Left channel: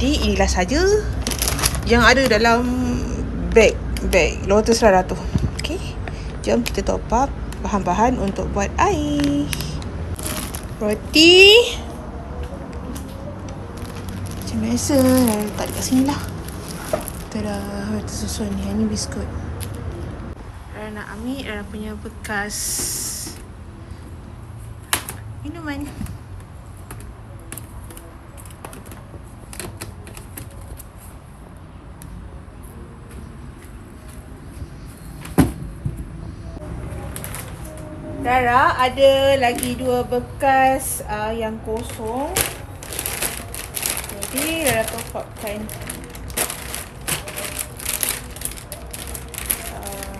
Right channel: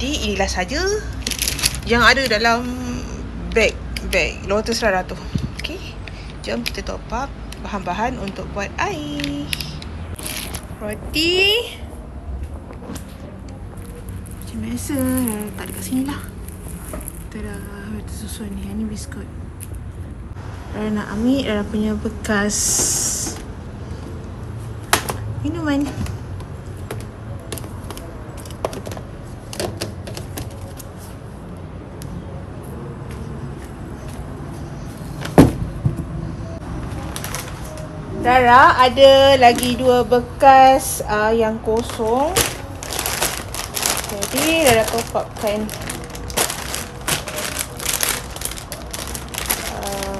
Jadi inilah saja yang ada dalam beg beg Lotus Rara tu. Okey. Jom kita top up bahan-bahan untuk buat air. Roti. Macam biasa, Rara letak dekat sini lah. Tada, roti susun ni. Yang ni biskut. Rara nak ambil Rara punya bekas minuman. Rara ada lagi dua bekas uh, yang kosong. Jadi Rara top upkan uh,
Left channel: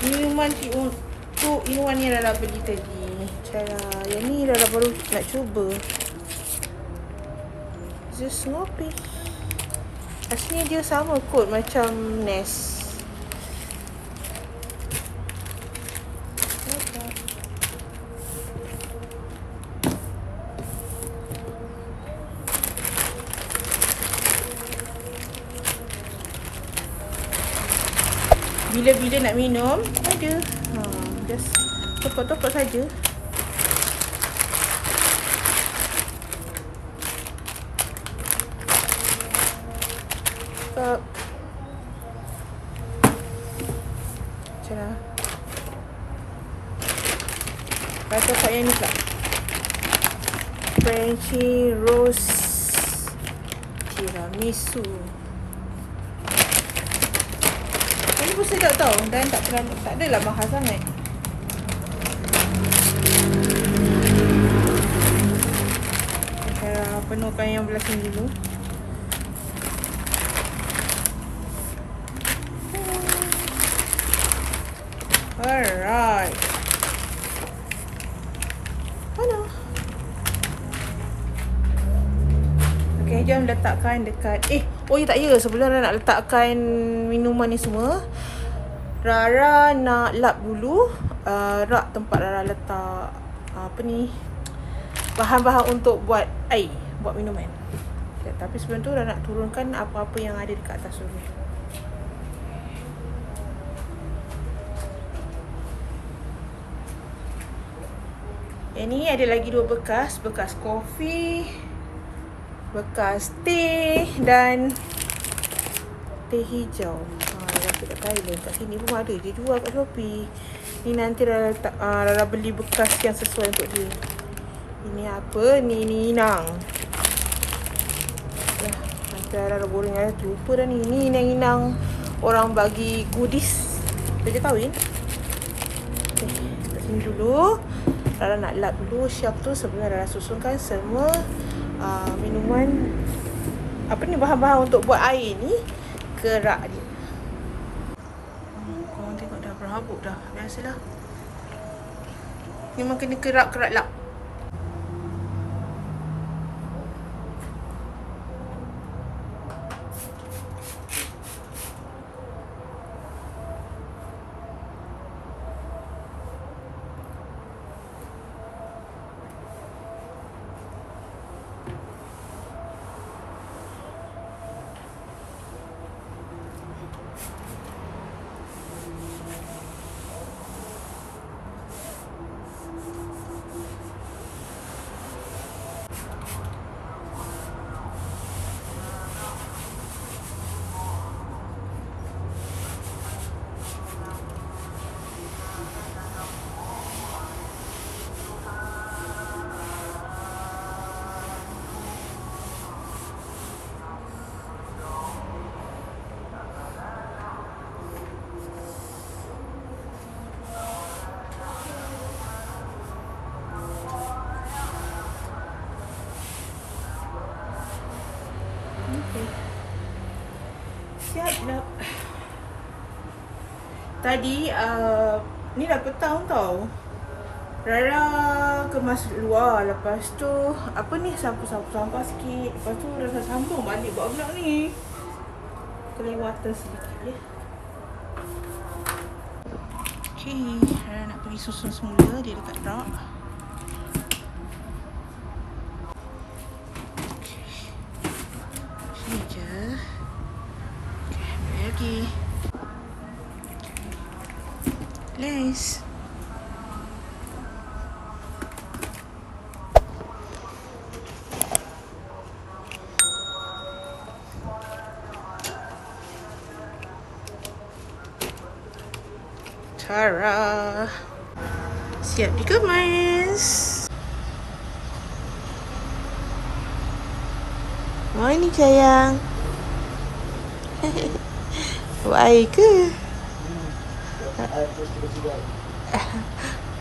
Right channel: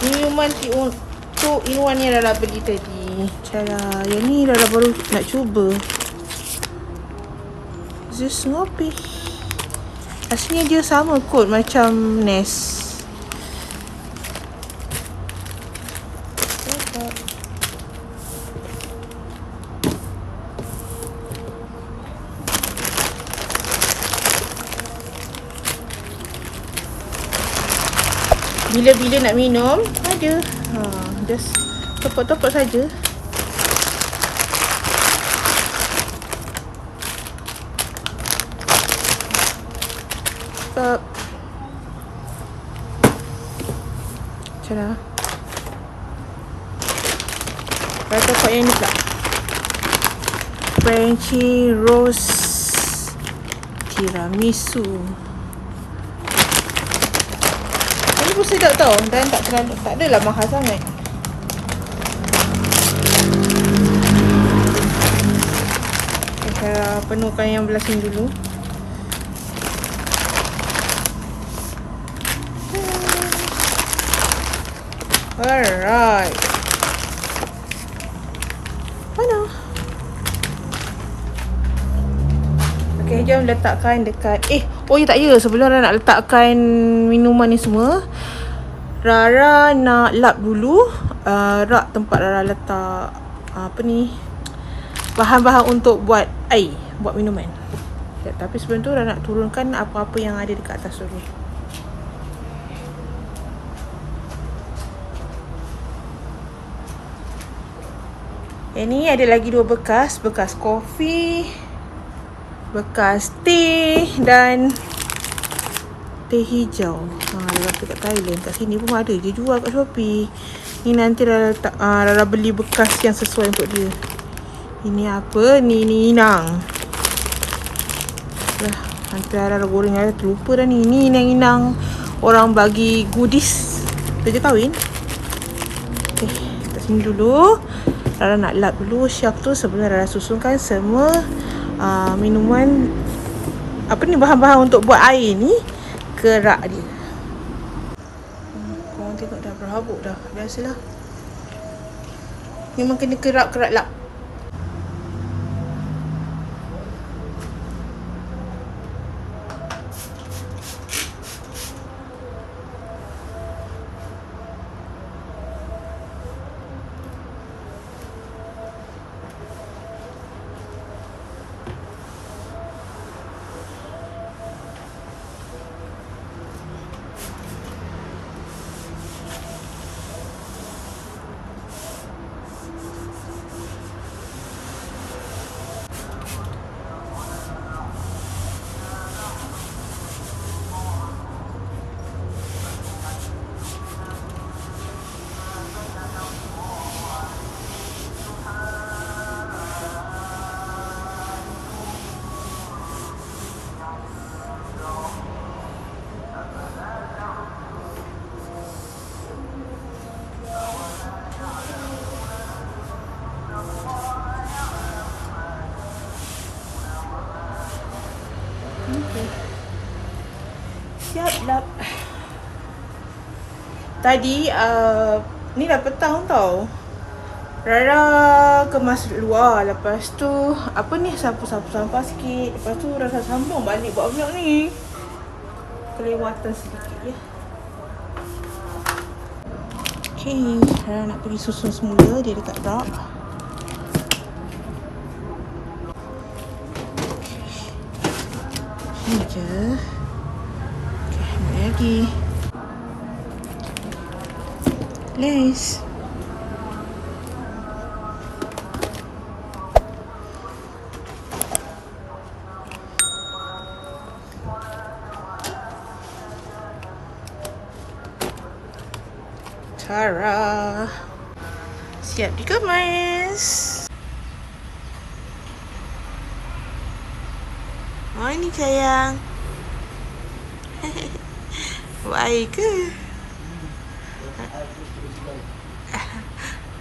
minuman ti untuk inuan yang Rara beli tadi. Cara yang ni Rara baru nak cuba. Just ngopi. Rasanya dia sama kot macam Nest. Bila-bila nak minum Ada. Ha, Just Topok-topok saja. Stop Macam mana? Rasa yang ni pula. Frenchy Rose Tiramisu Ini pun sedap tau. Dan tak terlalu Tak adalah mahal sangat. Saya penuhkan yang belah sini dulu. Alright Mana? Okay, jom letakkan dekat Eh, oh ya tak ya. Sebelum Rara nak letakkan minuman ni semua Rara nak lap dulu uh, Rak tempat Rara letak uh, Apa ni Bahan-bahan untuk buat air Buat minuman. Ya, Tapi sebelum tu Rara nak turunkan apa-apa yang ada dekat atas dulu Yang ni ada lagi dua bekas Bekas kopi Bekas teh Dan Teh hijau. Ha, Rara kat Thailand Kat sini pun ada je jual kat Shopee. Ni nanti Rara, letak, uh, Rara beli bekas yang sesuai untuk dia. Ini apa? Ni ni inang. Lah, Nanti Rara goreng Rara terlupa dah ni. Ni inang-inang Orang bagi goodies. Kerja kahwin. Okay, kat sini dulu. Rara nak lap dulu. Shelf tu sebelum Rara susunkan semua uh, minuman apa ni bahan-bahan untuk buat air ni ke rak dia. Hmm, korang tengok dah berhabuk dah. Biasalah. Memang kena kerak-kerak lap. Okay. Siap lap. Tadi uh, ni dah petang tau. Rara kemas luar. Lepas tu Apa ni Sapu-sapu sampah sikit. Lepas tu Rara sambung balik Buat vlog ni. Kelewatan sedikit ya. Okay Rara nak pergi susun semula. Dia dekat rak lagi. Lace Tara. Siap dikemas Morning sayang. Baik ke?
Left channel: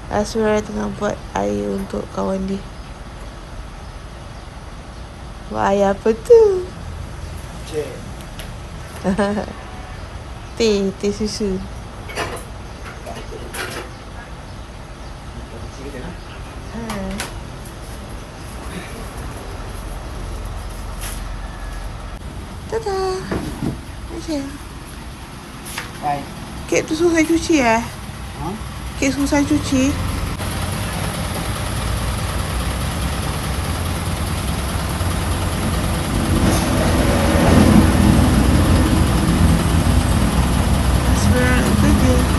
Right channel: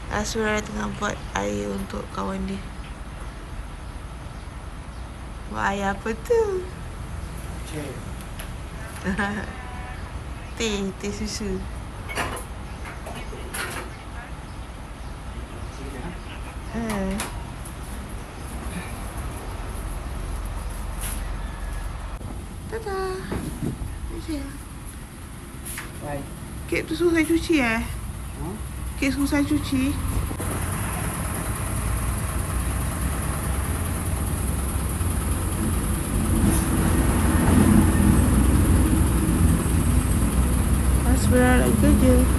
Asura tengah buat air untuk kawan dia. Buat air apa tu? Teh, teh susu. Tada. Sayang. Hai. Kek tu saya cuci eh? Ha? Kek saya cuci. Nak kerja.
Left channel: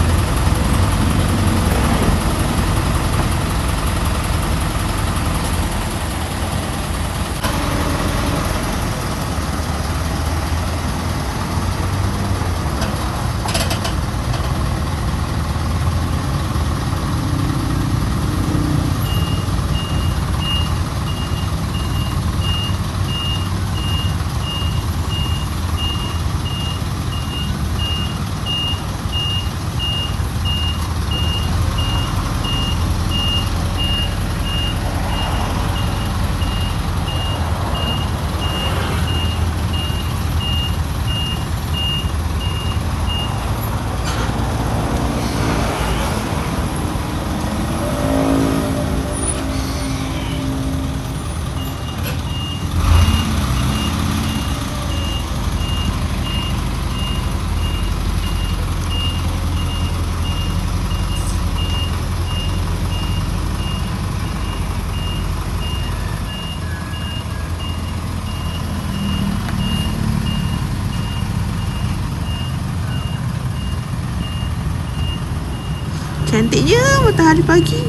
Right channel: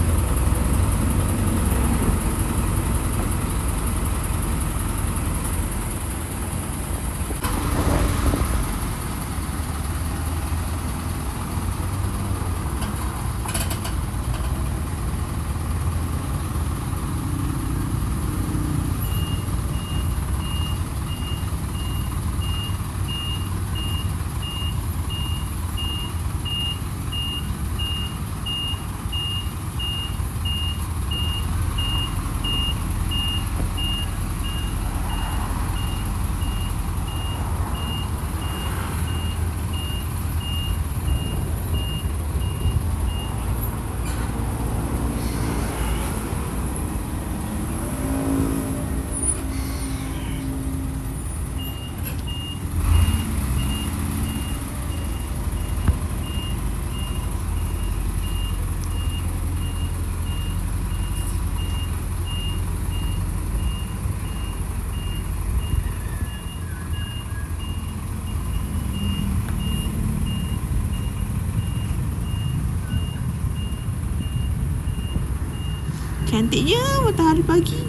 Cantiknya matahari pagi.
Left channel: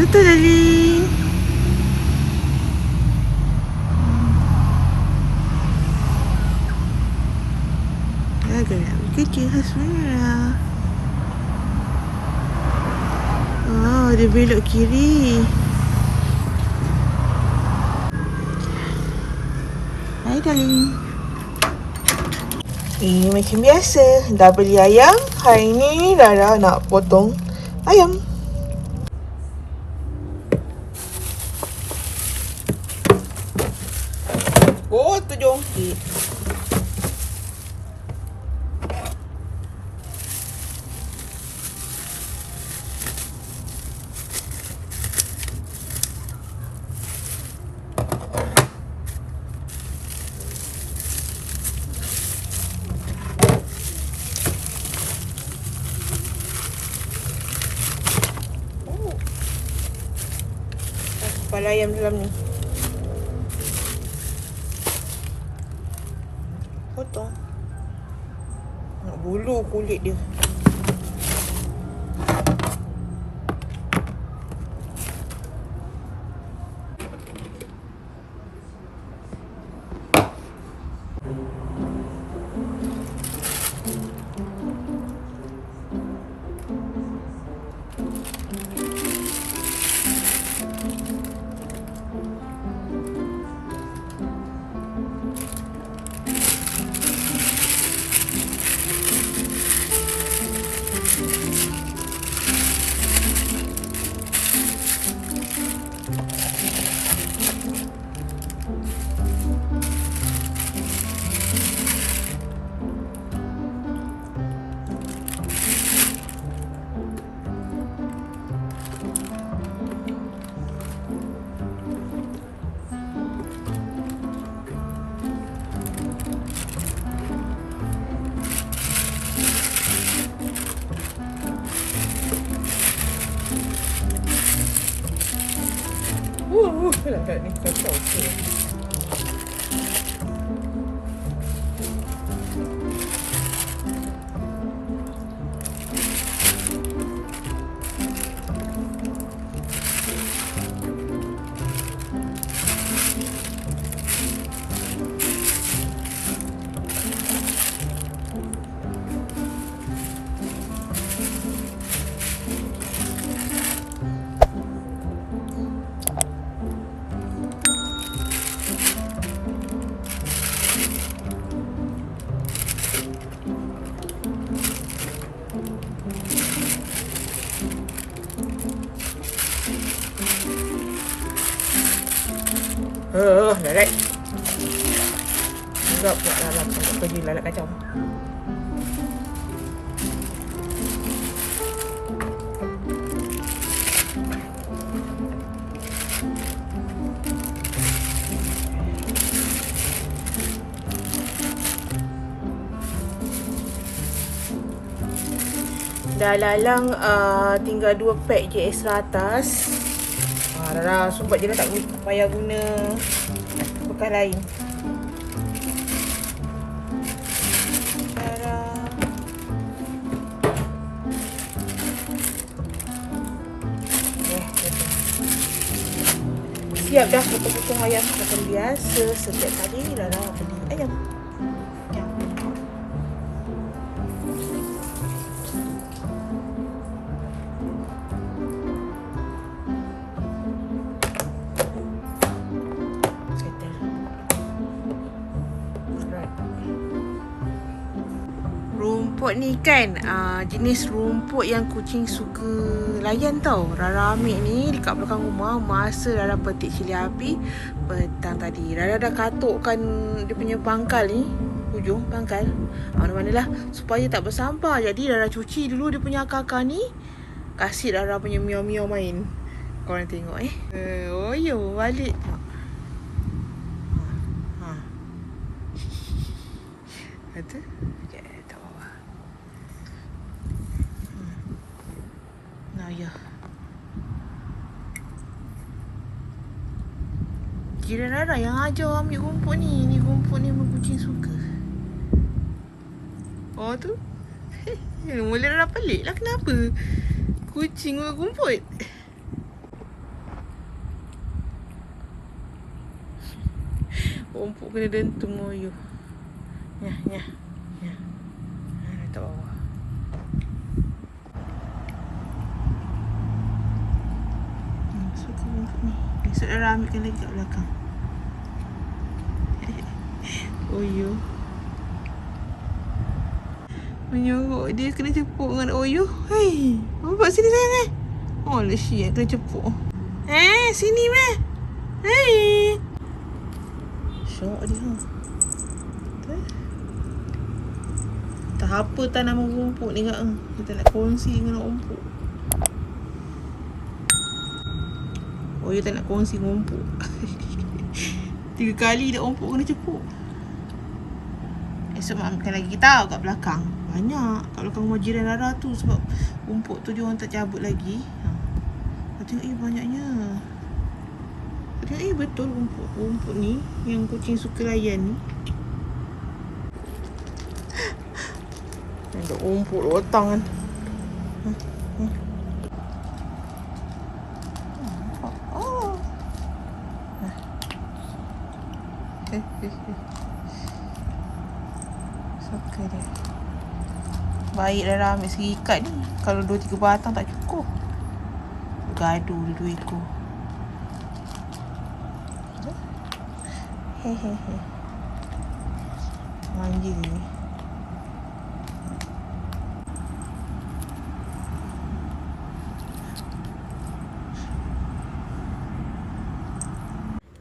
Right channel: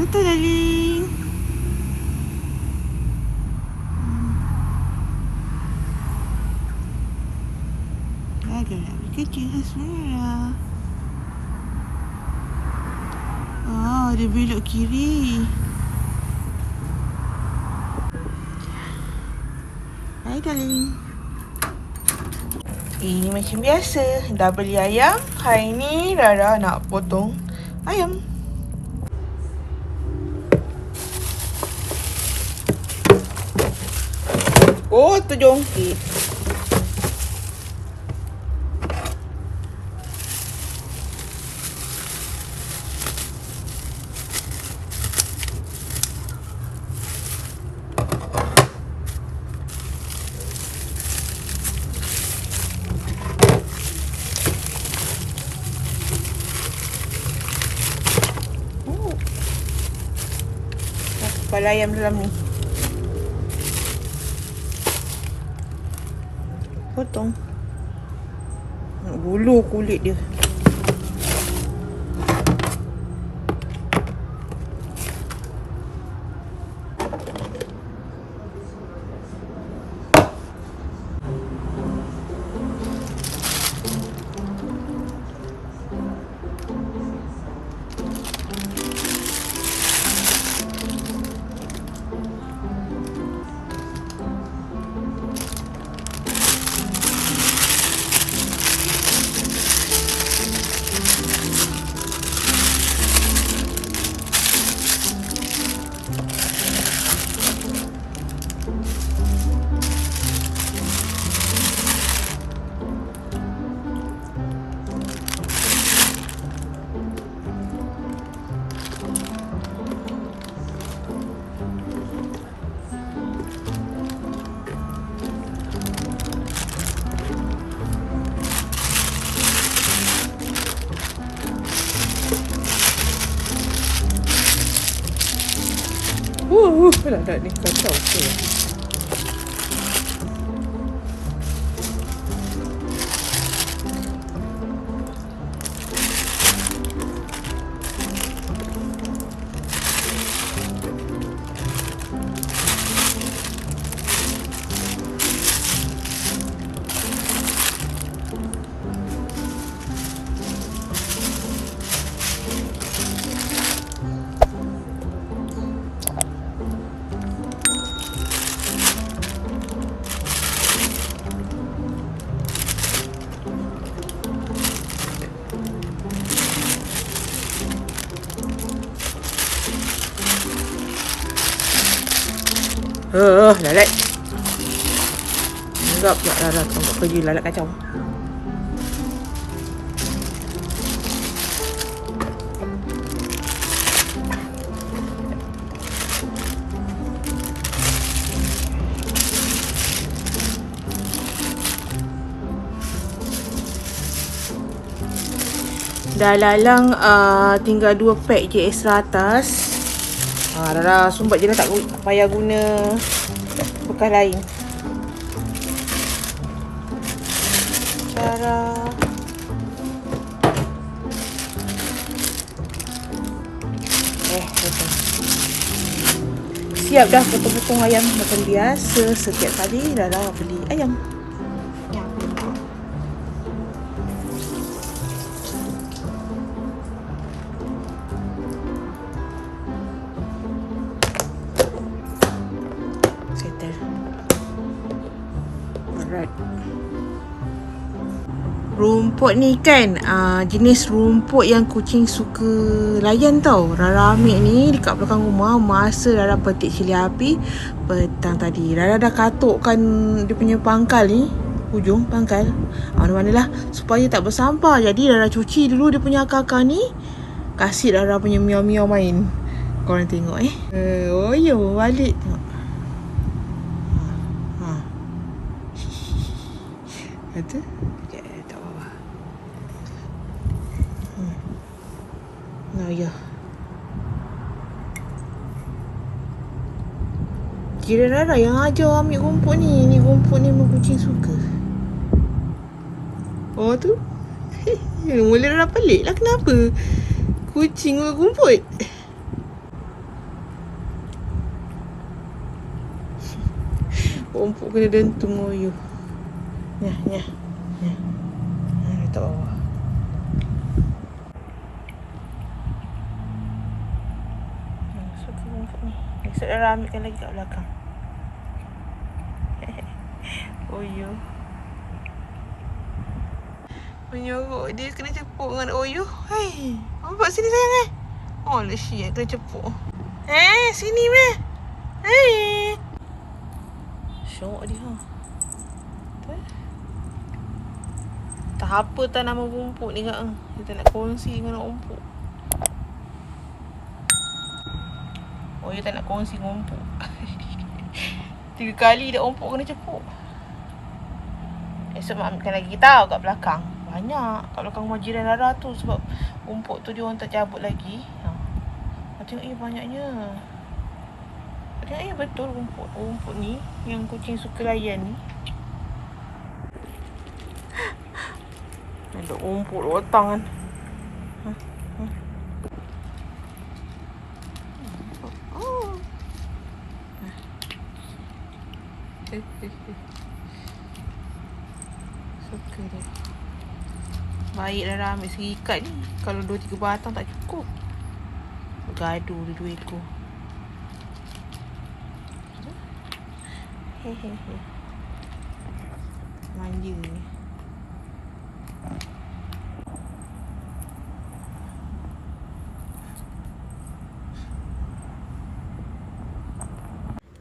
Betul darling. Agak nak kerja Hasmira. Oh, dia belok kiri. Hai darling. Ini macam biasa. Dah beli ayam. Hari ni Rara nak potong ayam. Oh, tu jongkit. Uh, Lara ni Dah lalang uh, tinggal dua pack je extra atas. Ha, dah dah sumbat je dah tak payah guna bekas lain. Eh, Siap dah potong-potong ayam macam biasa Setiap kali dah lah beli Rumput ni kan uh, jenis rumput yang kucing suka layan tau. Rara ambil ni dekat belakang rumah masa Rara petik cili api petang tadi. Rara dah katukkan dia punya pangkal ni hujung pangkal. Ah, mana-mana lah supaya tak bersampah. Jadi Rara cuci dulu dia punya akar-akar ni. Kasih Rara punya miau-miau main. Korang tengok eh. Eh, oh yo balik tengok. Ha. ha. Betul? Sekejap, eh, tak apa-apa. Hmm. Ya. Kira Rara yang ajar ambil rumput ni. Ni rumput ni memang kucing suka. Oh tu. Mula Rara pelik lah kenapa. Kucing makan rumput. Rumput kena dentung moyo. Nyah, nyah. Nyah. Ha, letak bawah. Hmm, suka rumput ni. Ambilkan lagi kat belakang. Oyo. Menyorok dia kena cepuk dengan Oyo. Hai, nampak sini sayang eh. Oh, lesi eh kena cepuk. Eh, sini meh. Hai. Syok dia. Tak apa tak nama rumput ni kak. Kita nak kongsi dengan rumput. Oh, dia tak nak kongsi rumput. Tiga kali dah rumput kena cepuk. Esok mak ambilkan lagi tau kat belakang. Banyak kat belakang rumah jiran Rara tu sebab rumput tu dia orang tak cabut lagi. Ha. Tengok eh banyaknya. Tengok eh betul rumput rumput ni yang kucing suka layan ni. Ada rumput rotang kan. Hmm, hmm. Oh. Nah. Eh, eh, eh. Suka dia. Baik dah ambil serikat ni. Kalau dua tiga batang tak cukup. Dia dua ekor. Hehehe. Manja ni.